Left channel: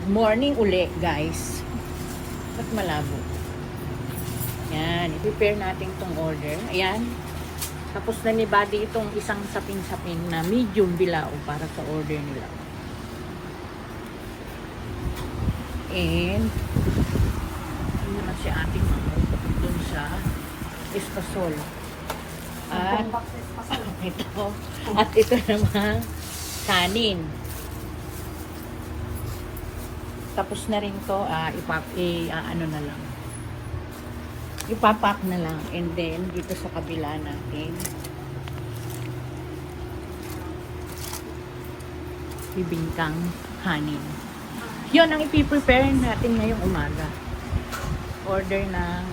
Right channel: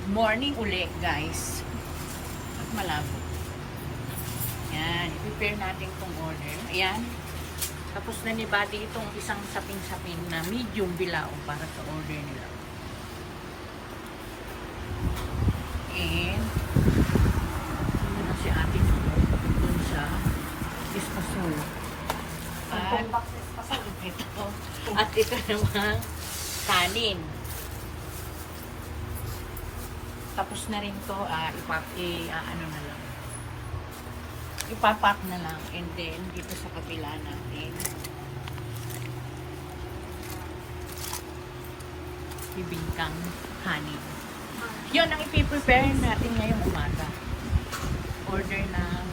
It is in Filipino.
Good morning uli, guys. At malabo. Yan, i-prepare natin itong order. Ayan. Tapos na ni Buddy itong isang saping-saping na medium bilao para sa order nila. And, yun na si ating dun sa espasol. At. At ito naman, kanin. Tapos na rin to, ah, ipap, i, ah, ano na lang. Ipapak na lang. And then, dito sa kabila natin, bibingkang kanin. Yun ang ipiprepare natin ngayong umaga. Order na